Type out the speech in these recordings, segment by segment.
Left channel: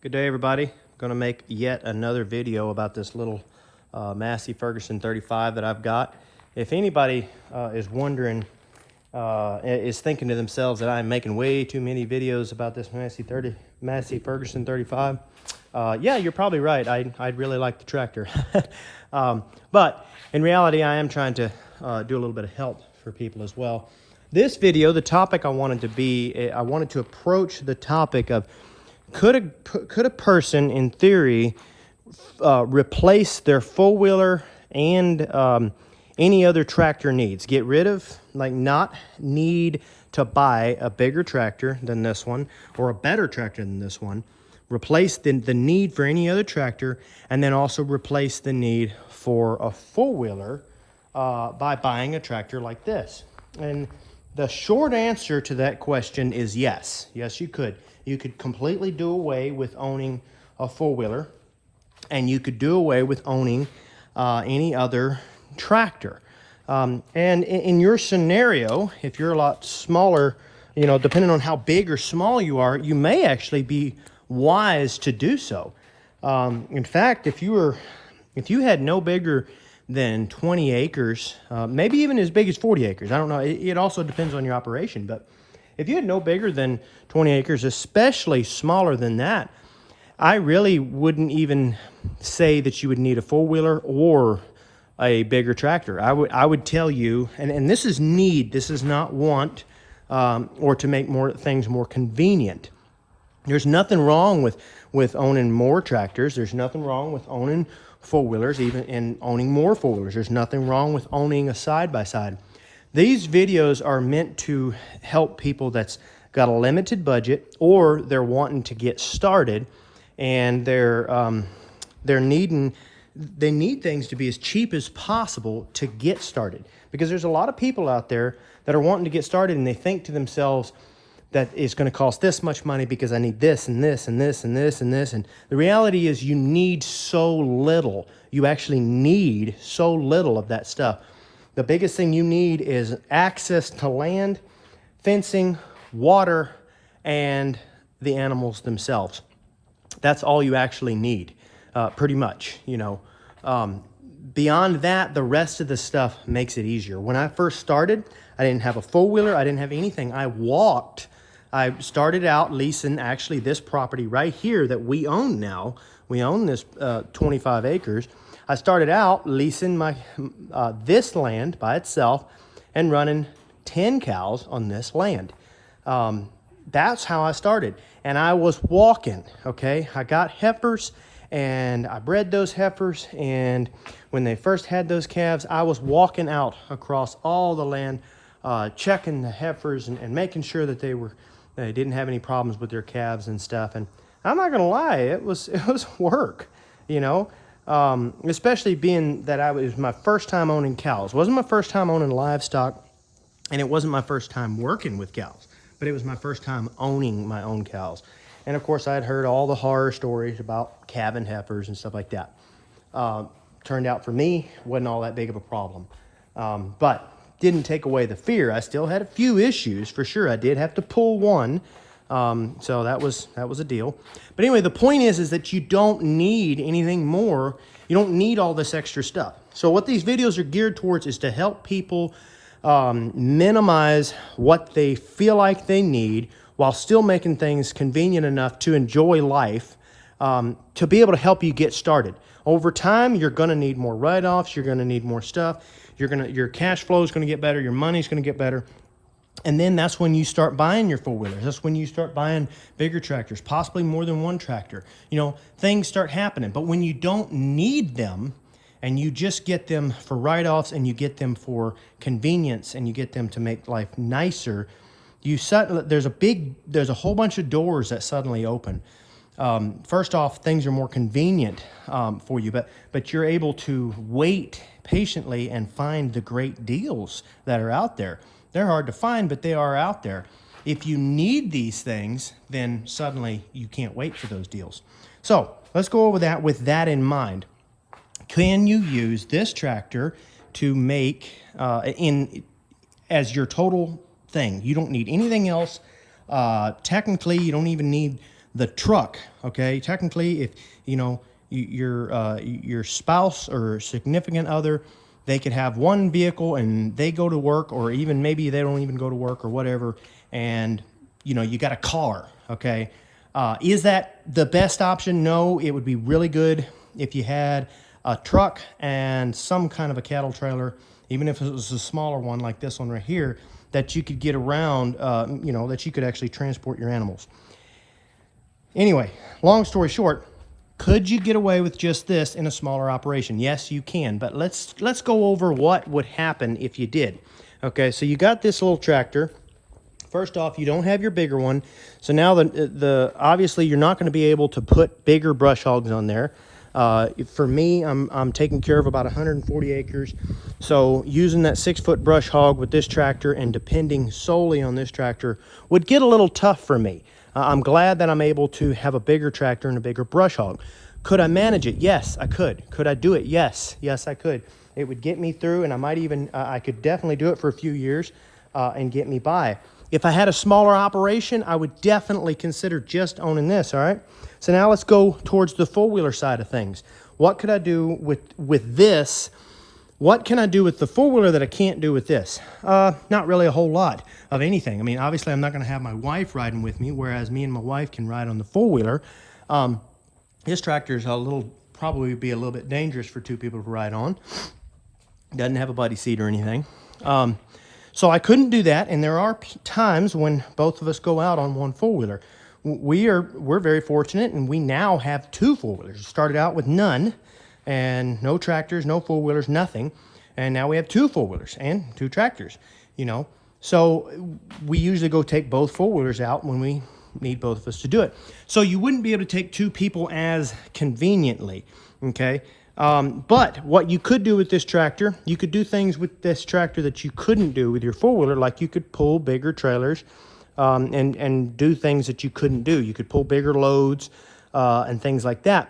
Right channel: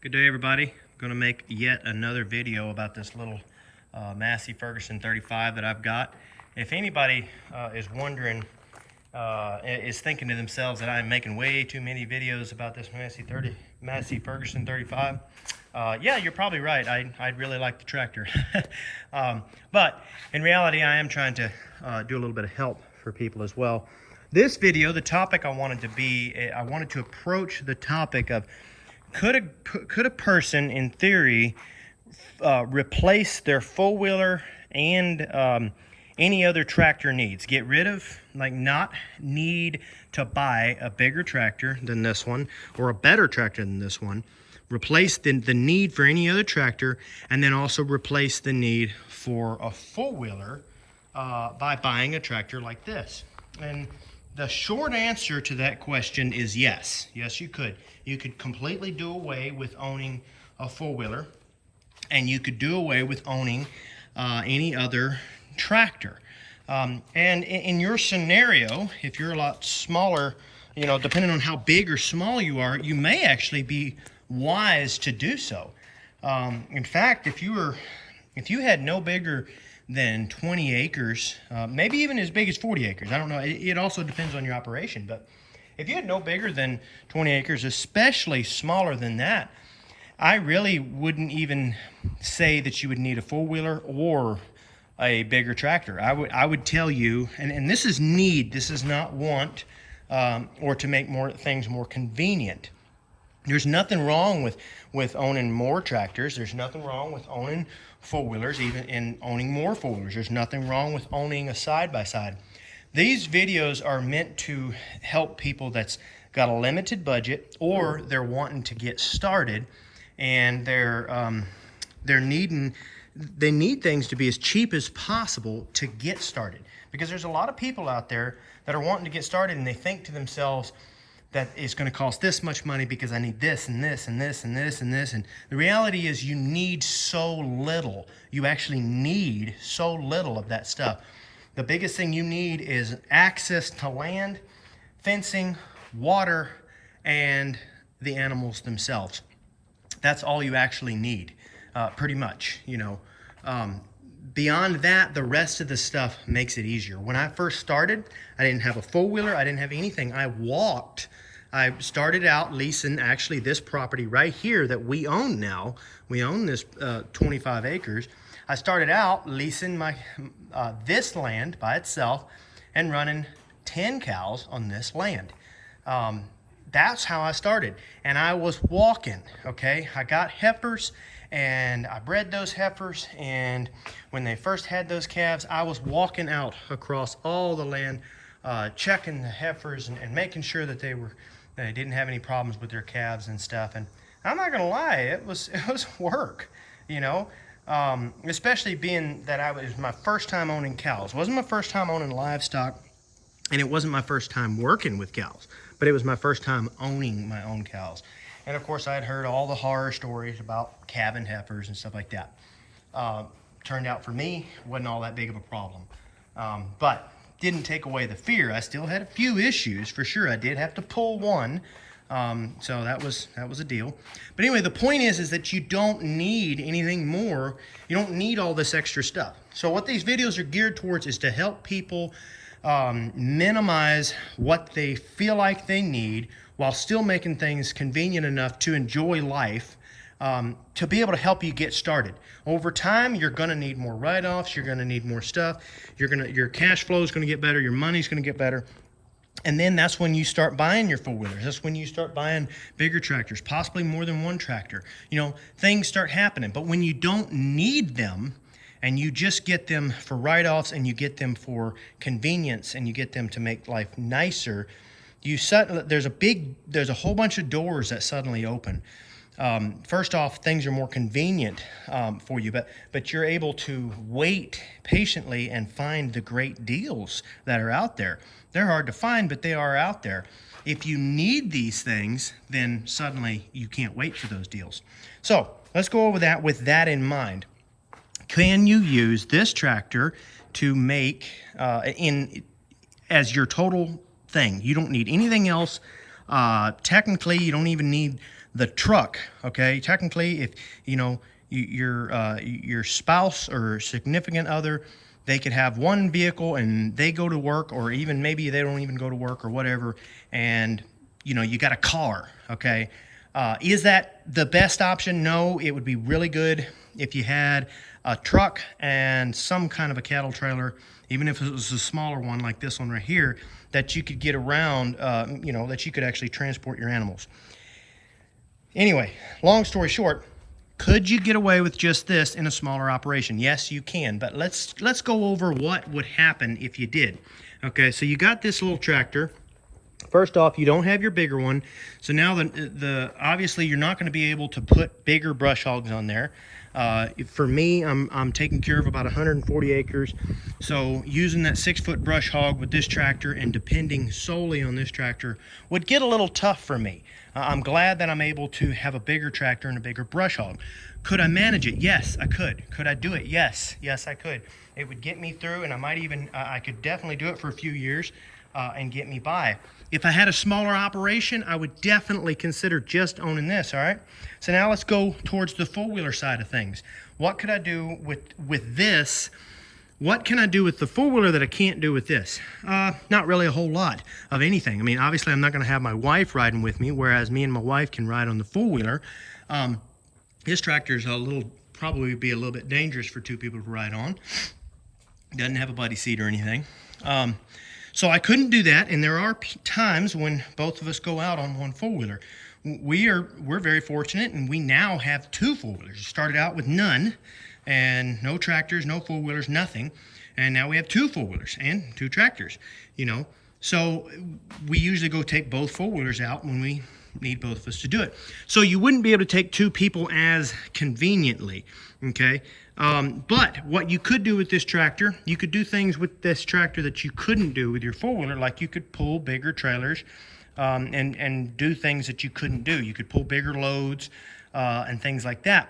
Good day, everybody. I'm going to make yet another video about this little Massey Ferguson 35 that I've got. If anybody is wondering, is thinking to themselves that I'm making way too many videos about this Massey Ferguson 35, yeah, you're probably right. I'd really like the tractor. But in reality, I am trying to do a little bit of help for people as well. This video, the topic I wanted to approach the topic of could a person, in theory, replace their four-wheeler and any other tractor needs? Get rid of, not need to buy a bigger tractor than this one or a better tractor than this one. Replace the need for any other tractor, and then also replace the need for a four-wheeler by buying a tractor like this. And the short answer to that question is yes. Yes, you could. You could completely do away with owning a four-wheeler, and you could do away with owning any other tractor. And in your scenario, if you're a lot smaller, depending on how big or small you are, you may actually be wise to do so. In fact, if you had no bigger than 20 acres, maybe even as big as 40 acres, I don't know. It also depends on your operation, but if you had no bigger than 20 acres, especially smaller than that, I really wouldn't even say that you would need a four-wheeler or a bigger tractor. I would tell you, and this is need, this is not want, or to make things more convenient. There's nothing wrong with owning more tractors. There's nothing wrong with owning four-wheelers, even in owning more four-wheelers. There's nothing wrong with owning a side-by-side. These videos are meant to help people that's got a limited budget, or they're wanting to get started, and they need things to be as cheap as possible to get started. Because there's a lot of people out there that are wanting to get started, and they think to themselves that it's going to cost this much money because I need this and this and this and this and this. And the reality is you need so little. You actually need so little of that stuff. The biggest thing you need is access to land, fencing, water, and the animals themselves. That's all you actually need, pretty much, Beyond that, the rest of the stuff makes it easier. When I first started, I didn't have a four-wheeler. I didn't have anything. I walked. I started out leasing actually this property right here that we own now. We own this 25 acres. I started out leasing this land by itself and running 10 cows on this land. That's how I started. And I was walking, okay? I got heifers and I bred those heifers. And when they first had those calves, I was walking out across all the land, checking the heifers and making sure that they didn't have any problems with their calves and stuff. And I'm not gonna lie, it was work, especially being that it was my first time owning cows. It wasn't my first time owning livestock, and it wasn't my first time working with cows, but it was my first time owning my own cows. And of course, I had heard all the horror stories about calving heifers and stuff like that. Turned out for me, wasn't all that big of a problem. But didn't take away the fear. I still had a few issues, for sure. I did have to pull one. So that was a deal. But anyway, the point is that you don't need anything more. You don't need all this extra stuff. So what these videos are geared towards is to help people minimize what they feel like they need while still making things convenient enough to enjoy life, to be able to help you get started. Over time, you're going to need more write-offs. You're going to need more stuff. Your cash flow is going to get better. Your money's going to get better. And then that's when you start buying your four-wheelers. That's when you start buying bigger tractors, possibly more than one tractor. Things start happening. But when you don't need them and you just get them for write-offs and you get them for convenience and you get them to make life nicer, there's a whole bunch of doors that suddenly open. First off, things are more convenient for you, but you're able to wait patiently and find the great deals that are out there. They're hard to find, but they are out there. If you need these things, then suddenly you can't wait for those deals. So let's go over that with that in mind. Can you use this tractor to make as your total thing? You don't need anything else. Technically, you don't even need the truck, okay? Technically, if, you know, your spouse or significant other, they could have one vehicle and they go to work, or even maybe they don't even go to work or whatever, and, you know, you got a car, okay? Is that the best option? No, it would be really good if you had a truck and some kind of a cattle trailer, even if it was a smaller one like this one right here, that you could get around, you know, that you could actually transport your animals. Anyway, long story short, could you get away with just this in a smaller operation? Yes, you can, but let's go over what would happen if you did. Okay, so you got this little tractor. First off, you don't have your bigger one, so now the obviously you're not going to be able to put bigger brush hogs on there. For me, I'm taking care of about 140 acres, so using that 6-foot brush hog with this tractor and depending solely on this tractor would get a little tough for me. I'm glad that I'm able to have a bigger tractor and a bigger brush hog. Could I manage it? Yes, I could. Could I do it? Yes, I could. It would get me through, and I might even, I could definitely do it for a few years and get me by. If I had a smaller operation, I would definitely consider just owning this, all right? So now let's go towards the four-wheeler side of things. What could I do with this? What can I do with the four-wheeler that I can't do with this? Not really a whole lot of anything. I mean, obviously, I'm not going to have my wife riding with me, whereas me and my wife can ride on the four-wheeler. This tractor is probably be a little bit dangerous for two people to ride on. Doesn't have a buddy seat or anything. So I couldn't do that, and there are times when both of us go out on one four-wheeler. We're very fortunate, and we now have two four-wheelers. Started out with none, and no tractors, no four-wheelers, nothing. And now we have two four-wheelers and two tractors, you know. So we usually go take both four-wheelers out when we need both of us to do it. So you wouldn't be able to take two people as conveniently, okay? But what you could do with this tractor, you could do things with this tractor that you couldn't do with your four-wheeler, like you could pull bigger trailers and do things that you couldn't do. You could pull bigger loads and things like that.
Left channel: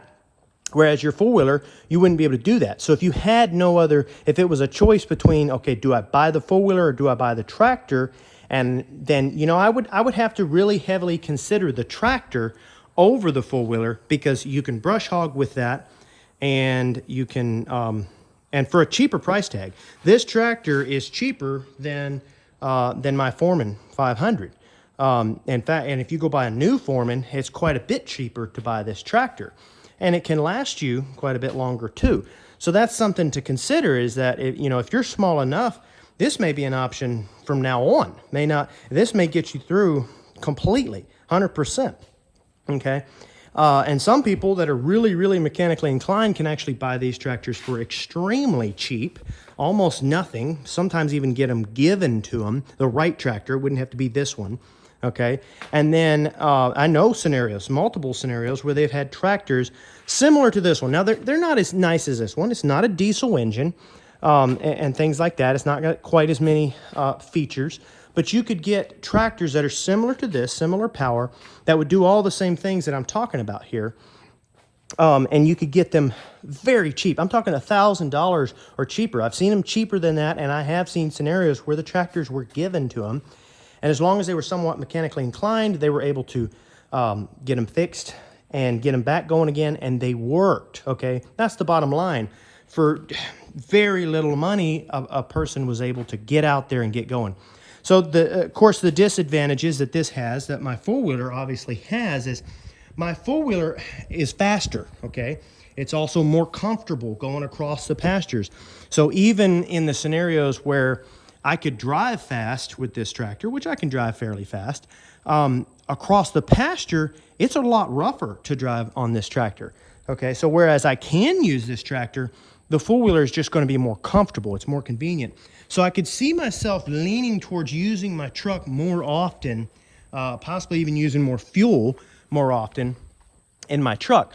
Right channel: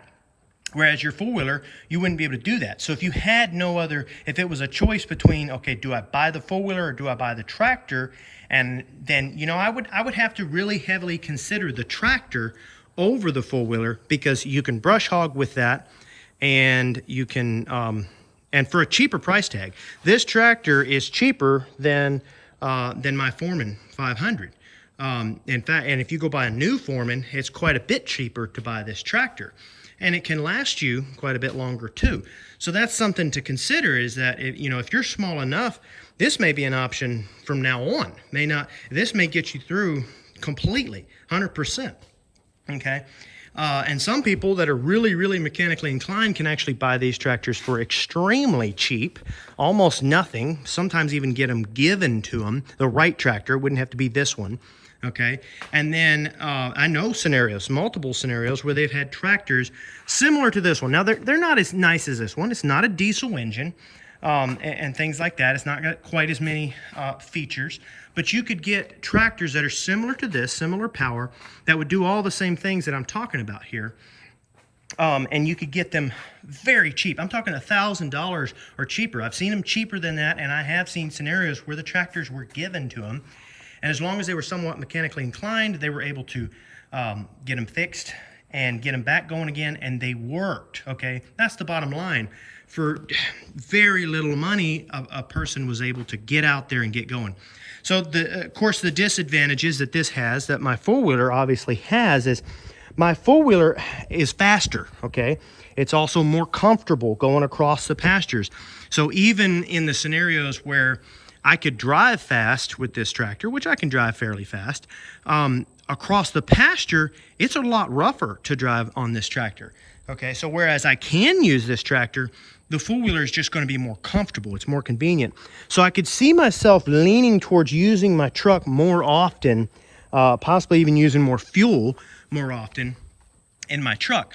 Whereas your four-wheeler, you wouldn't be able to do that. So if you had no other, if it was a choice between, okay, do I buy the four-wheeler or do I buy the tractor? And then, you know, I would have to really heavily consider the tractor over the four-wheeler, because you can brush hog with that, and you can, and for a cheaper price tag. This tractor is cheaper than my Foreman 500. In fact, and if you go buy a new Foreman, it's quite a bit cheaper to buy this tractor. And it can last you quite a bit longer too. So that's something to consider, is that if you're small enough, this may be an option from now on. This may get you through completely, 100%. Okay. And some people that are really, really mechanically inclined can actually buy these tractors for extremely cheap, almost nothing, sometimes even get them given to them, the right tractor. It wouldn't have to be this one. Okay, and then I know multiple scenarios where they've had tractors similar to this one. Now, they're not as nice as this one. It's not a diesel engine and things like that. It's not got quite as many features, but you could get tractors that are similar to this, similar power, that would do all the same things that I'm talking about here. And you could get them very cheap. I'm talking $1,000 or cheaper. I've seen them cheaper than that, and I have seen scenarios where the tractors were given to them. And as long as they were somewhat mechanically inclined, they were able to get them fixed and get them back going again, and they worked, okay? That's the bottom line. For very little money, a person was able to get out there and get going. So, of course, the disadvantages that this has, that my four-wheeler obviously has, is my four-wheeler is faster, okay? It's also more comfortable going across the pastures. So even in the scenarios where I could drive fast with this tractor, which I can drive fairly fast, across the pasture, it's a lot rougher to drive on this tractor. Okay, so whereas I can use this tractor, the four-wheeler is just going to be more comfortable. It's more convenient. So I could see myself leaning towards using my truck more often, possibly even using more fuel more often in my truck.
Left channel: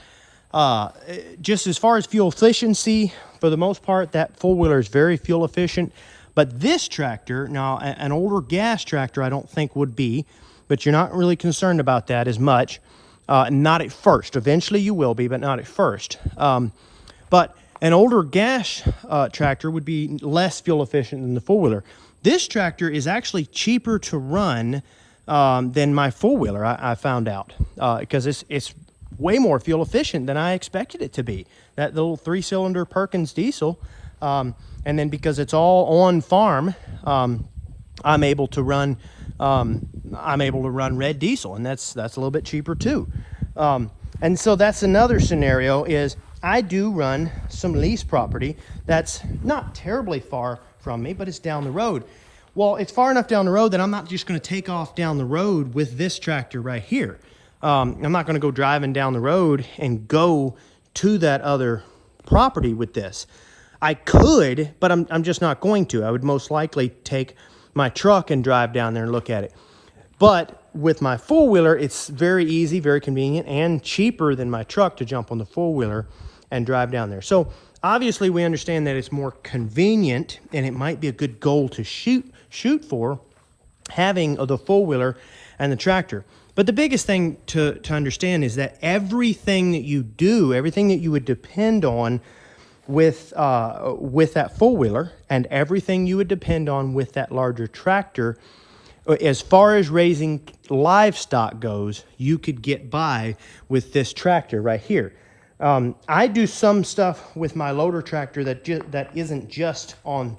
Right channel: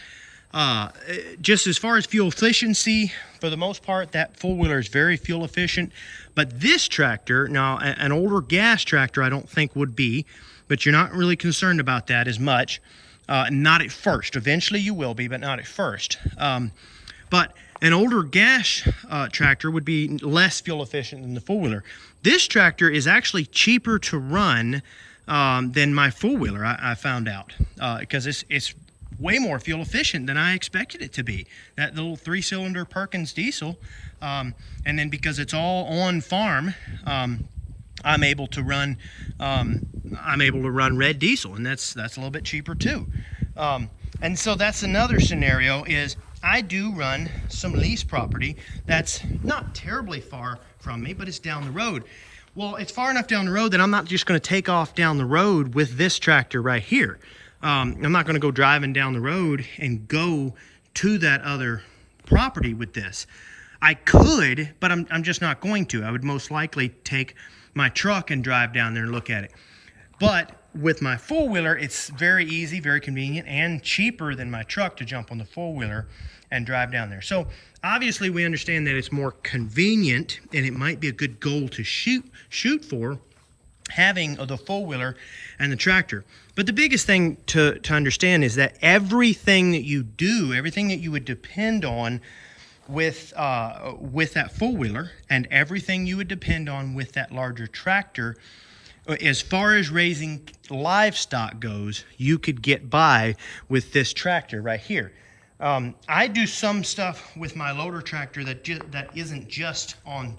Just as far as fuel efficiency, for the most part, that four-wheeler is very fuel efficient. But this tractor, now an older gas tractor I don't think would be, but you're not really concerned about that as much. Not at first. Eventually you will be, but not at first. But an older gas tractor would be less fuel efficient than the four-wheeler. This tractor is actually cheaper to run than my four-wheeler, I found out, because it's way more fuel efficient than I expected it to be. That little 3-cylinder Perkins diesel, and then because it's all on farm, I'm able to run red diesel, and that's a little bit cheaper too. And so that's another scenario, is I do run some lease property that's not terribly far from me, but it's down the road. Well, it's far enough down the road that I'm not just going to take off down the road with this tractor right here. I'm not going to go driving down the road and go to that other property with this. I could, but I'm just not going to. I would most likely take my truck and drive down there and look at it. But with my four-wheeler, it's very easy, very convenient, and cheaper than my truck to jump on the four-wheeler and drive down there. So obviously we understand that it's more convenient, and it might be a good goal to shoot for, having the four-wheeler and the tractor. But the biggest thing to understand is that everything that you do, everything that you would depend on with that four-wheeler, and everything you would depend on with that larger tractor, as far as raising livestock goes, you could get by with this tractor right here. I do some stuff with my loader tractor that isn't just on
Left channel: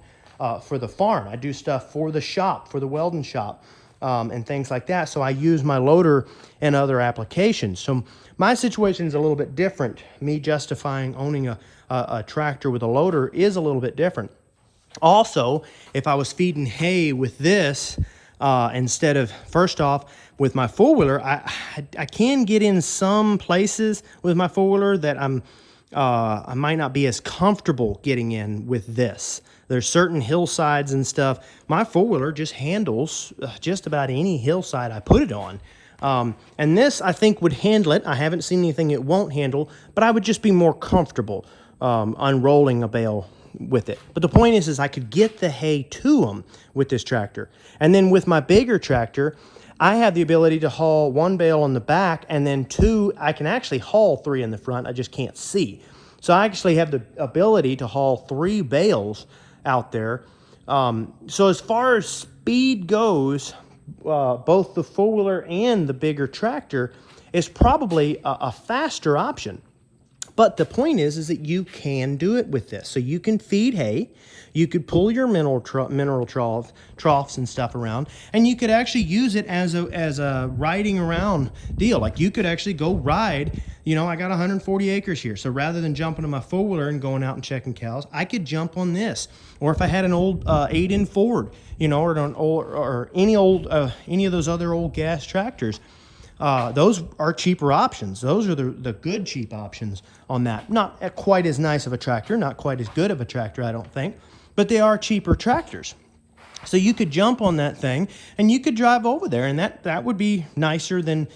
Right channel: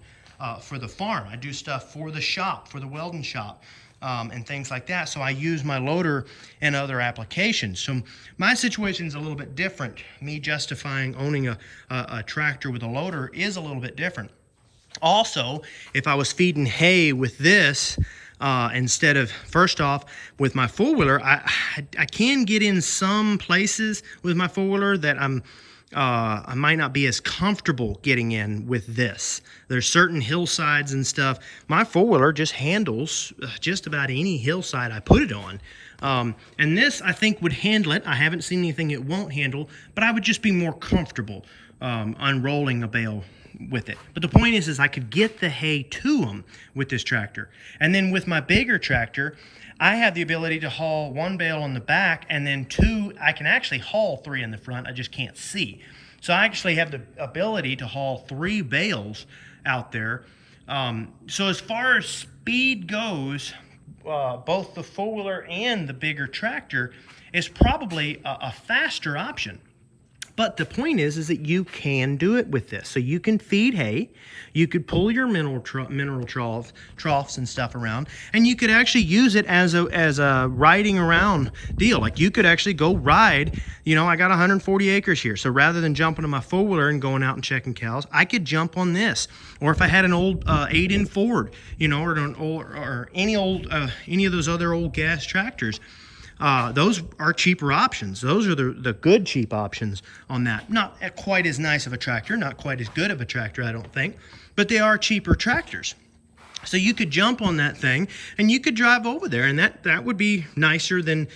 for the farm. I do stuff for the shop, for the welding shop, and things like that. So I use my loader in other applications. So my situation is a little bit different. Me justifying owning a tractor with a loader is a little bit different. Also, if I was feeding hay with this, instead of, first off, with my four-wheeler, I can get in some places with my four-wheeler that I might not be as comfortable getting in with this. There's certain hillsides and stuff. My four-wheeler just handles just about any hillside I put it on. And this, I think, would handle it. I haven't seen anything it won't handle, but I would just be more comfortable unrolling a bale with it. But the point is I could get the hay to them with this tractor. And then with my bigger tractor, I have the ability to haul one bale on the back, and then two, I can actually haul 3 in the front. I just can't see. So I actually have the ability to haul 3 bales out there. So as far as speed goes, both the four-wheeler and the bigger tractor is probably a faster option. But the point is that you can do it with this. So you can feed hay, you could pull your mineral troughs and stuff around, and you could actually use it as a riding around deal. Like you could actually go ride. You know, I got 140 acres here, so rather than jumping on my four-wheeler and going out and checking cows, I could jump on this. Or if I had an old 8-in Ford, you know, or any of those other old gas tractors. Those are cheaper options. Those are the good cheap options on that. Not quite as nice of a tractor, not quite as good of a tractor, I don't think, but they are cheaper tractors. So you could jump on that thing and you could drive over there, and that would be nicer than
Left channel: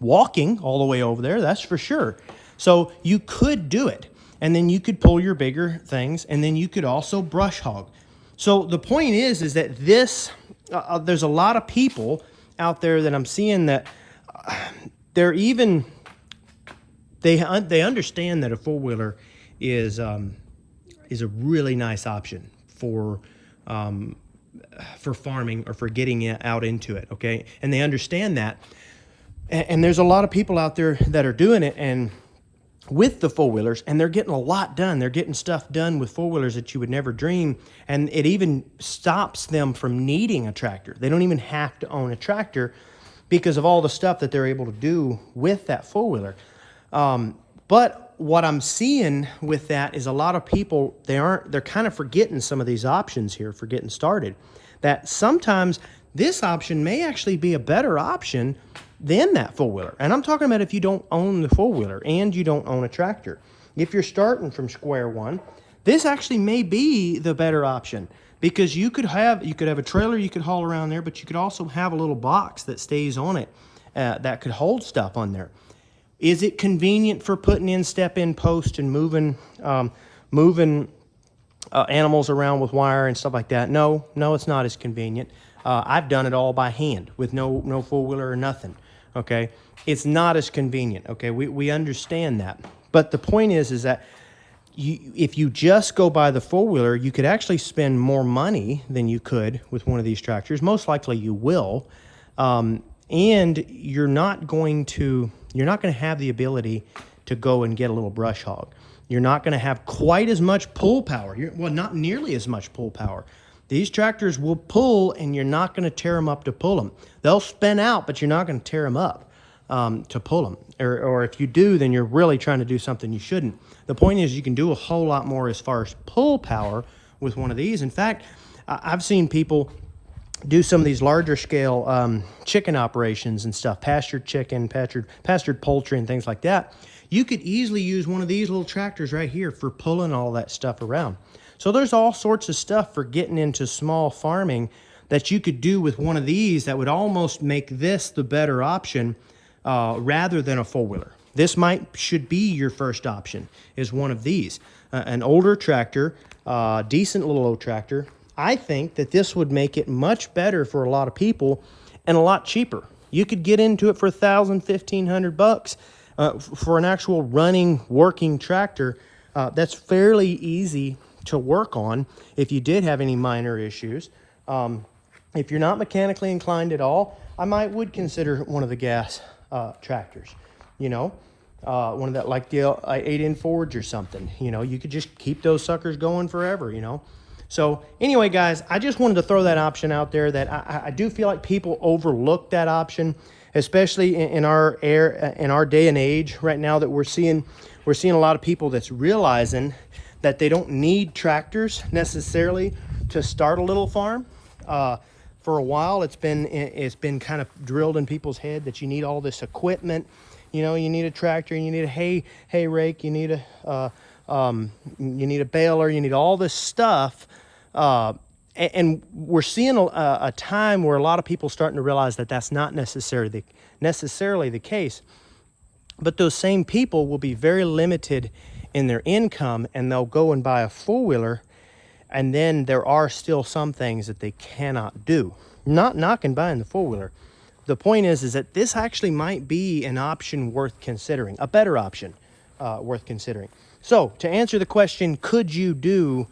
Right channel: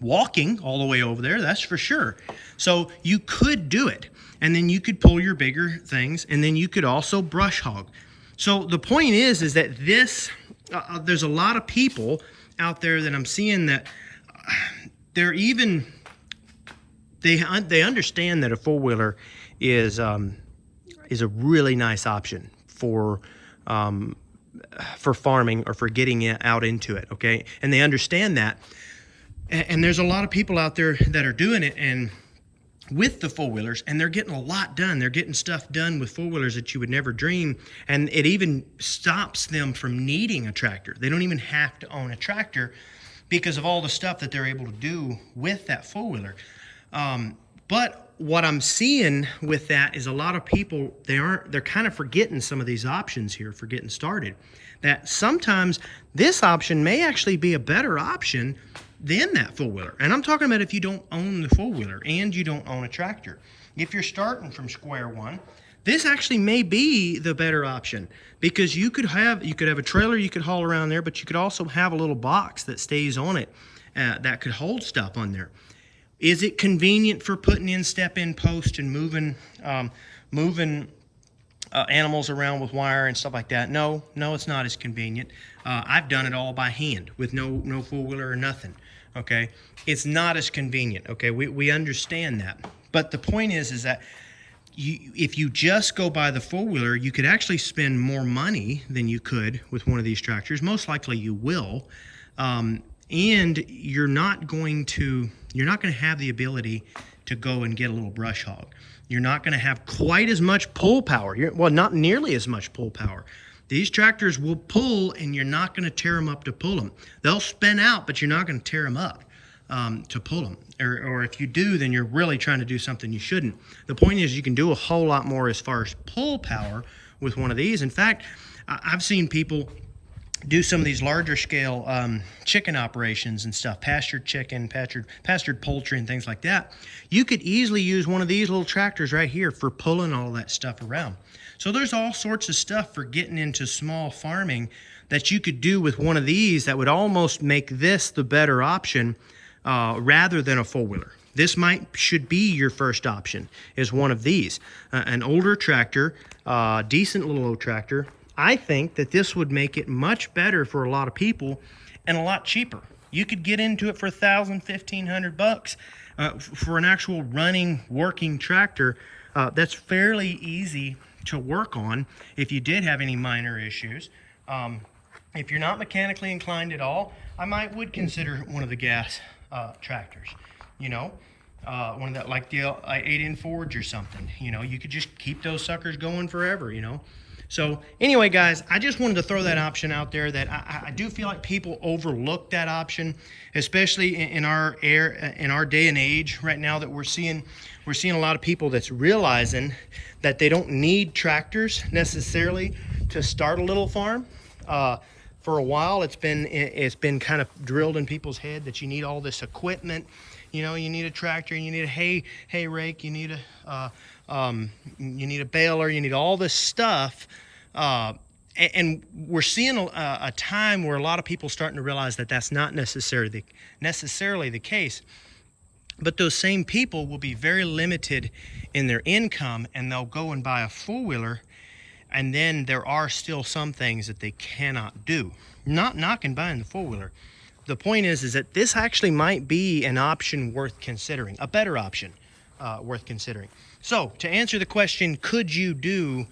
walking all the way over there, that's for sure. So you could do it, and then you could pull your bigger things, and then you could also brush hog. So the point is that this, there's a lot of people out there that I'm seeing that they're even, they understand that a four-wheeler is a really nice option for farming or for getting out into it, okay? And they understand that. And there's a lot of people out there that are doing it and with the four-wheelers, and they're getting a lot done. They're getting stuff done with four-wheelers that you would never dream, and it even stops them from needing a tractor. They don't even have to own a tractor because of all the stuff that they're able to do with that four-wheeler. But what I'm seeing with that is a lot of people, they're kind of forgetting some of these options here for getting started. That sometimes this option may actually be a better option than that four-wheeler. And I'm talking about if you don't own the four-wheeler and you don't own a tractor. If you're starting from square one, this actually may be the better option, because you could have a trailer you could haul around there, but you could also have a little box that stays on it that could hold stuff on there. Is it convenient for putting in step-in post and moving animals around with wire and stuff like that? No, it's not as convenient. I've done it all by hand with no four-wheeler or nothing. Okay, it's not as convenient. Okay, we understand that, but the point is that if you just go by the four-wheeler, you could actually spend more money than you could with one of these tractors. Most likely you will. And you're not going to have the ability to go and get a little brush hog. You're not going to have quite as much pull power. Well, not nearly as much pull power. These tractors will pull, and you're not going to tear them up to pull them. They'll spin out, but you're not going to tear them up to pull them. Or if you do, then you're really trying to do something you shouldn't. The point is you can do a whole lot more as far as pull power with one of these. In fact, I've seen people do some of these larger scale chicken operations and stuff, pastured chicken, pastured poultry and things like that. You could easily use one of these little tractors right here for pulling all that stuff around. So there's all sorts of stuff for getting into small farming that you could do with one of these that would almost make this the better option rather than a four-wheeler. This should be your first option, is one of these. An older tractor, decent little old tractor. I think that this would make it much better for a lot of people and a lot cheaper. You could get into it for $1,000, $1,500 for an actual running, working tractor. That's fairly easy to work on if you did have any minor issues. If you're not mechanically inclined at all, I would consider one of the gas tractors. You know, one of that, like the 8N Forge or something. You know, you could just keep those suckers going forever, you know. So anyway, guys, I just wanted to throw that option out there that I do feel like people overlook that option, especially in our day and age right now that we're seeing a lot of people that's realizing that they don't need tractors necessarily to start a little farm. For a while, it's been kind of drilled in people's head that you need all this equipment. You know, you need a tractor, you need a hay rake, you need a baler, you need all this stuff. And we're seeing a time where a lot of people are starting to realize that that's not necessarily the case. But those same people will be very limited in their income, and they'll go and buy a four-wheeler, and then there are still some things that they cannot do. Not knocking buying the four-wheeler. The point is that this actually might be an option worth considering, a better option worth considering. So to answer the question, could you do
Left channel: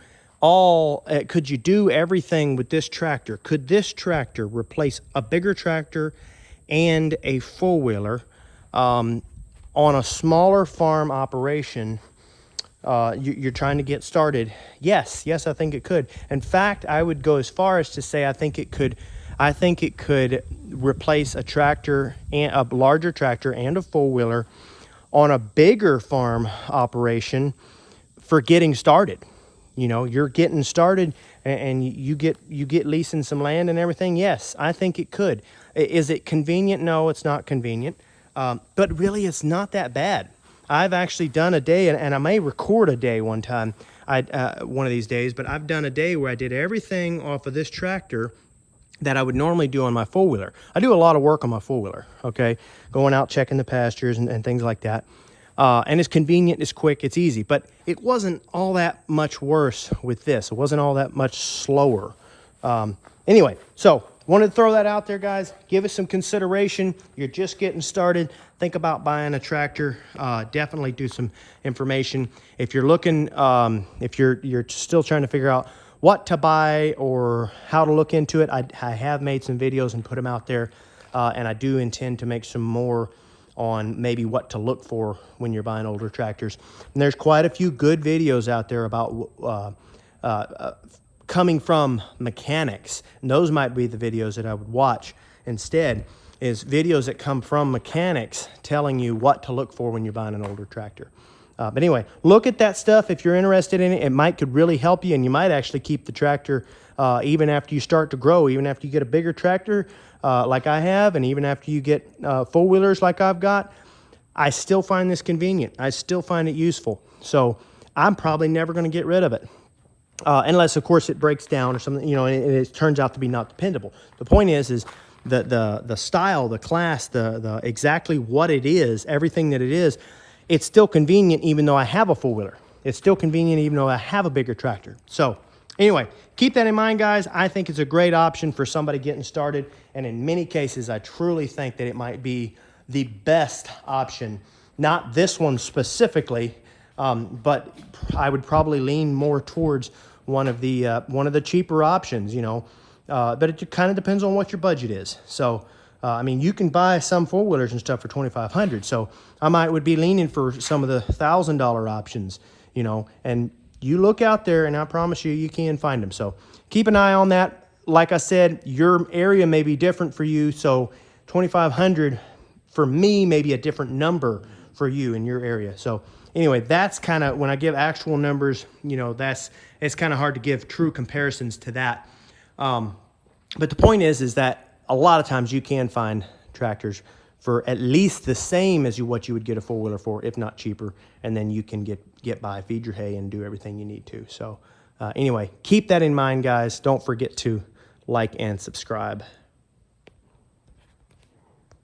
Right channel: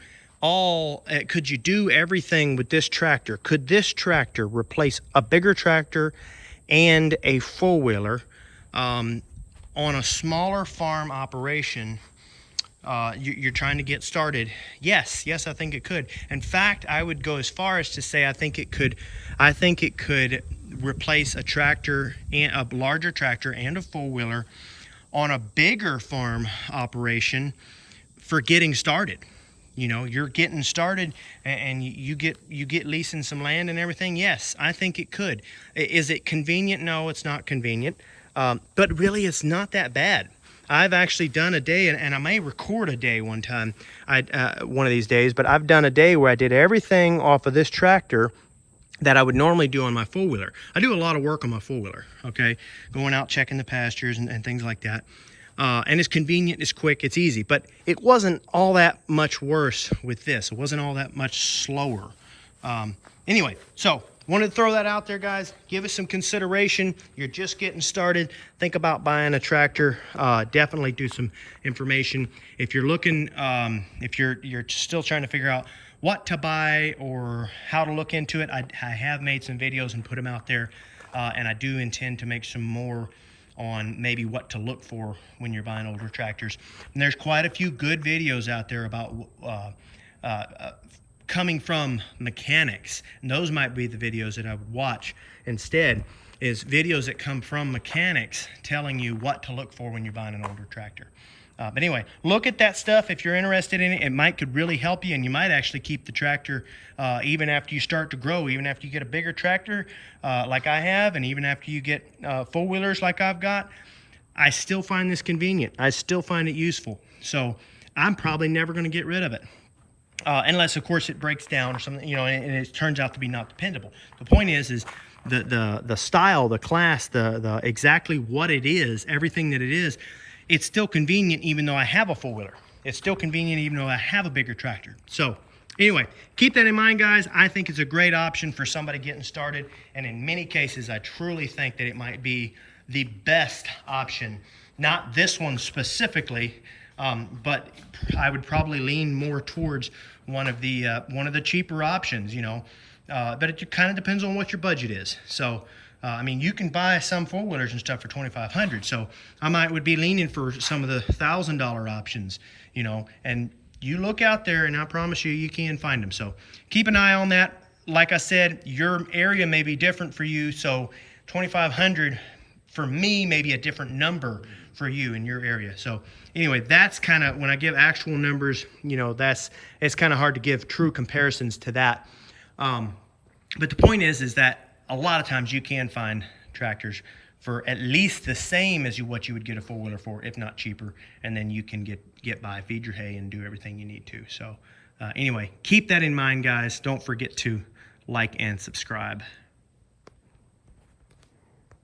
everything with this tractor? Could this tractor replace a bigger tractor and a four-wheeler on a smaller farm operation? You're trying to get started. Yes, I think it could. In fact, I would go as far as to say I think it could replace a tractor, and a larger tractor and a four-wheeler on a bigger farm operation for getting started. You know, you're getting started and you get leasing some land and everything. Yes, I think it could. Is it convenient? No, it's not convenient. But really, it's not that bad. I've actually done a day, and I may record a day one time, one of these days, but I've done a day where I did everything off of this tractor that I would normally do on my four-wheeler. I do a lot of work on my four-wheeler, okay? Going out, checking the pastures and things like that. And it's convenient, it's quick, it's easy. But it wasn't all that much worse with this. It wasn't all that much slower. Anyway, so wanted to throw that out there, guys. Give it some consideration. You're just getting started. Think about buying a tractor. Definitely do some information. If you're looking, if you're still trying to figure out what to buy or how to look into it, I have made some videos and put them out there. And I do intend to make some more on maybe what to look for when you're buying older tractors. And there's quite a few good videos out there about coming from mechanics. And those might be the videos that I would watch instead, is videos that come from mechanics telling you what to look for when you're buying an older tractor. But anyway, look at that stuff if you're interested in it. It could really help you, and you might actually keep the tractor even after you start to grow, even after you get a bigger tractor like I have, and even after you get four-wheelers like I've got. I still find this convenient. I still find it useful. So I'm probably never going to get rid of it. Unless, of course, it breaks down or something, you know, and it turns out to be not dependable. The point is the style, the class, the exactly what it is, everything that it is, it's still convenient even though I have a four-wheeler. It's still convenient even though I have a bigger tractor. So anyway, keep that in mind, guys. I think it's a great option for somebody getting started. And in many cases, I truly think that it might be the best option. Not this one specifically, But I would probably lean more towards one of the cheaper options, you know. But it kind of depends on what your budget is. So, I mean, you can buy some four-wheelers and stuff for $2,500. So would be leaning for some of the $1,000 options, you know, and you look out there and I promise you, you can find them. So keep an eye on that. Like I said, your area may be different for you. So 2,500 for me may be a different number for you in your area. So anyway, that's kind of, when I give actual numbers, you know, it's kind of hard to give true comparisons to that. But the point is that a lot of times you can find tractors for at least the same as what you would get a four-wheeler for, if not cheaper. And then you can get by, feed your hay, and do everything you need to. So anyway, keep that in mind, guys. Don't forget to like and subscribe.